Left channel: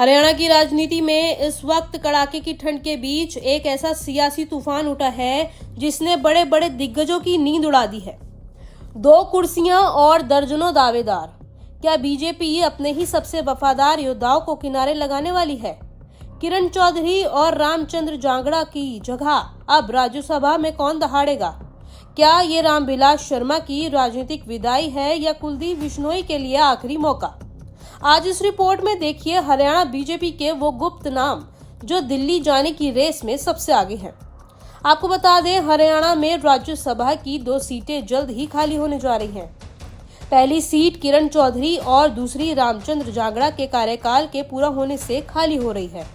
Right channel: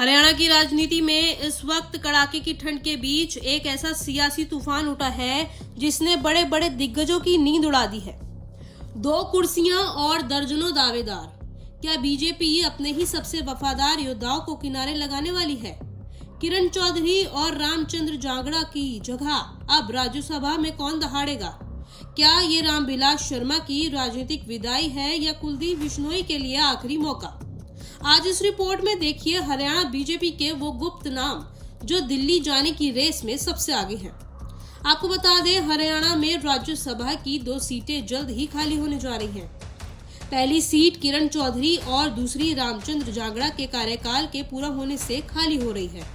हरियाणा की राजनीति में इस वक्त कड़ाके की ठंड के बीच एक ऐसा सियासी तूफान उठा है जिसने बड़े बड़े दिग्गजों की नींद उड़ा दी है। 2 कुर्सियां और दर्जनों दावेदार। क्या बीजेपी अपने ही सबसे वफादार योद्धाओं को किनारे लगाने वाली है? किरण चौधरी और रामचंद्र जांगड़ा की जगह अब राज्यसभा में कौन दहाड़ेगा? क्या ये रामविलास शर्मा की राजनीतिक विदाई है या कुलदीप बिश्नोई के लिए आखिरी मौका? आज इस रिपोर्ट में देखिए हरियाणा बीजेपी के वो गुप्त नाम जो दिल्ली जाने की रेस में सबसे आगे हैं। आपको बता दें, हरियाणा में राज्यसभा की 2 सीटें जल्द ही खाली होने जा रही हैं। पहली सीट किरण चौधरी और दूसरी रामचंद्र जांगड़ा के कार्यकाल के पूरा होने से खाली हो रही है।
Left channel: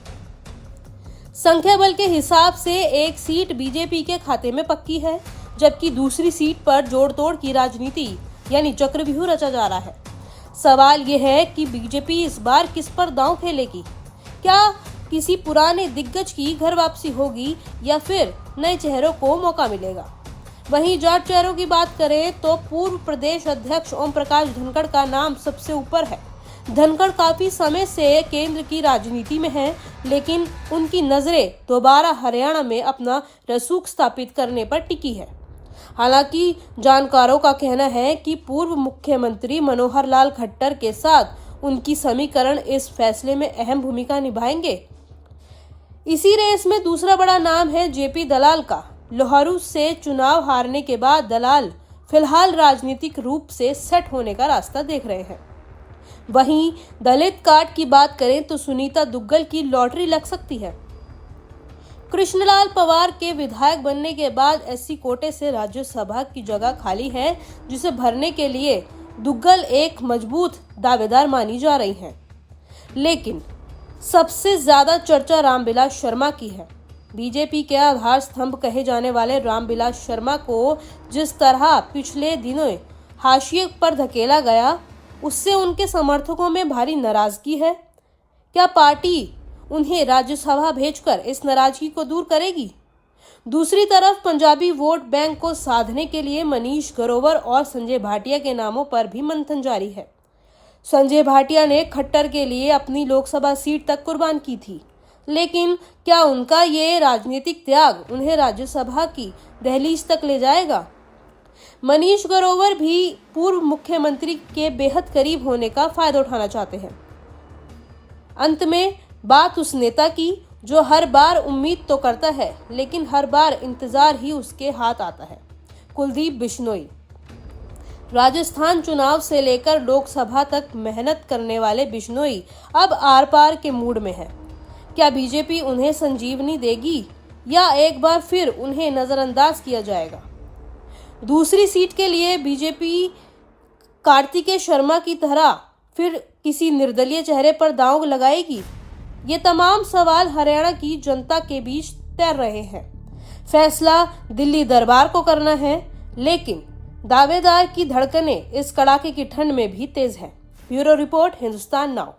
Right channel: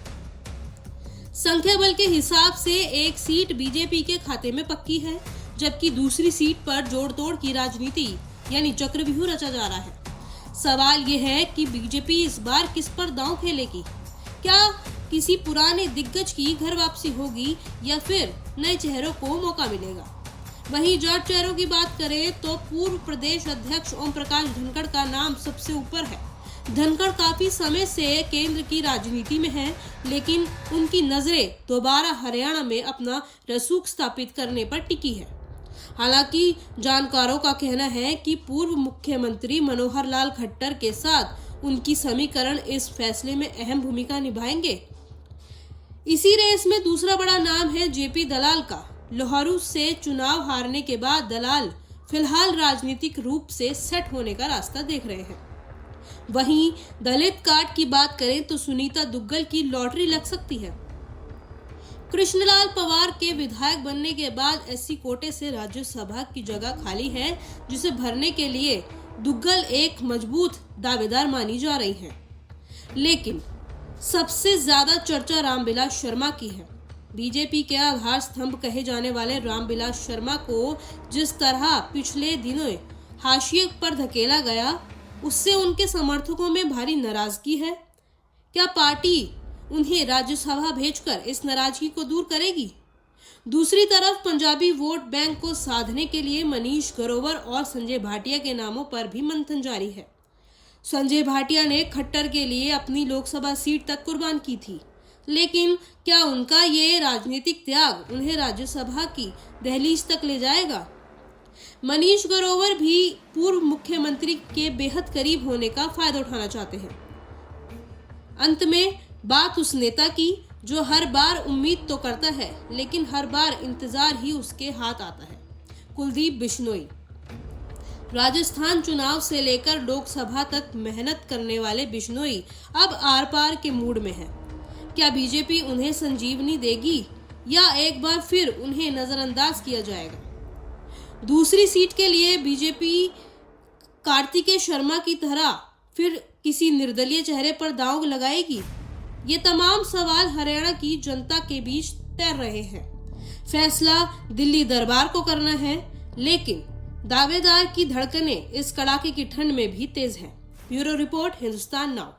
संख्या बल के हिसाब से एक सीट बीजेपी के खाते में पक्की है, जबकि दूसरी सीट पर जोड़ तोड़ की राजनीति यानी चक्रव्यूह रचा जा रहा है। सवाल यह है कि बीजेपी इस बार किस पर दांव खेलेगी? क्या किसी पुराने दिग्गज की घर वापसी होगी या फिर नए चेहरों को मौका मिलेगा? वहीं जाट चेहरों की बात करें तो पूर्व प्रदेश अध्यक्ष ओम प्रकाश धनखड़ का नाम सबसे ऊपर है। धनखड़ काफी समय से केंद्र की राजनीति में हैं, लेकिन उनकी नजरें दोबारा हरियाणा में अपना रसूख स्थापित करने पर टिकी है। हालांकि जानकारों का कहना है कि पूर्व मुख्यमंत्री मनोहर लाल खट्टर के साथ उनकी समीकरण इस फैसले में अहम भूमिका निभाएंगे। इसी रेस में दूसरा बड़ा नाम है जेपी दलाल का। लोहारू से चुनाव हारने के बाद दलाल फिलहाल राजनीतिक रूप से सेट होने का रास्ता देख रहे हैं। वहीं दलित कार्ड की बात करें तो सुनीता दुग्गल की लॉटरी लग सकती है। कृष्णलाल पवार के विधायक बनने के बाद एससी कोटे से राज्यसभा की जगह खाली है, जिसे भरने के लिए दुग्गल एक मजबूत दावेदार मानी जा रही हैं। लेकिन सबसे ज्यादा चर्चा रामविलास शर्मा की है। बीजेपी के आधार स्तंभ कहे जाने वाले रामविलास शर्मा को जिस तरह पिछले दिनों हाशिए पर धकेला गया, उससे उनके समर्थकों में भारी नाराजगी है। क्या पार्टी उन्हें राज्यसभा भेजकर इस नाराजगी को दूर करेगी? दूसरी तरफ पंजाबी वोट बैंक को साधने के लिए मनीष ग्रोवर और संजय भाटिया के नामों पर भी मंथन जारी है। संजय भाटिया ने खट्टर के लिए अपनी लोकसभा सीट तक कुर्बान की थी, लेकिन क्या उनका ये राजनीतिक त्याग उन्हें राज्यसभा की दहलीज तक ले जाएगा? मनीष ग्रोवर भी पूर्व मुख्यमंत्री के बेहद करीब होने का फायदा उठाना चाहते हैं। अंत में बात उस नेता की जो हर बार उम्मीद तो करता है, लेकिन हर बार इंतजार ही उसके हाथ आता है। कुलदीप बिश्नोई। राजस्थान चुनाव से लेकर लोकसभा तक मेहनत करने वाले बिश्नोई अब आर पार के मूड में है। क्या बीजेपी उन्हें संजीवनी देगी या एक बार फिर उन्हें नजरअंदाज किया जाएगा? दूसरी सीट के लिए बीजेपी कार्तिकेय शर्मा की तरह फिर किसी निर्दलीय चेहरे पर दांव लगाएगी? ये तमाम सवाल हरियाणा की जनता के बीच तैर रहे हैं। फैसला दिल्ली दरबार को करना है, लेकिन दावेदार की धड़कनें इस कड़ाके की ठंड में भी तेज है। Bureau report, Hindustan now.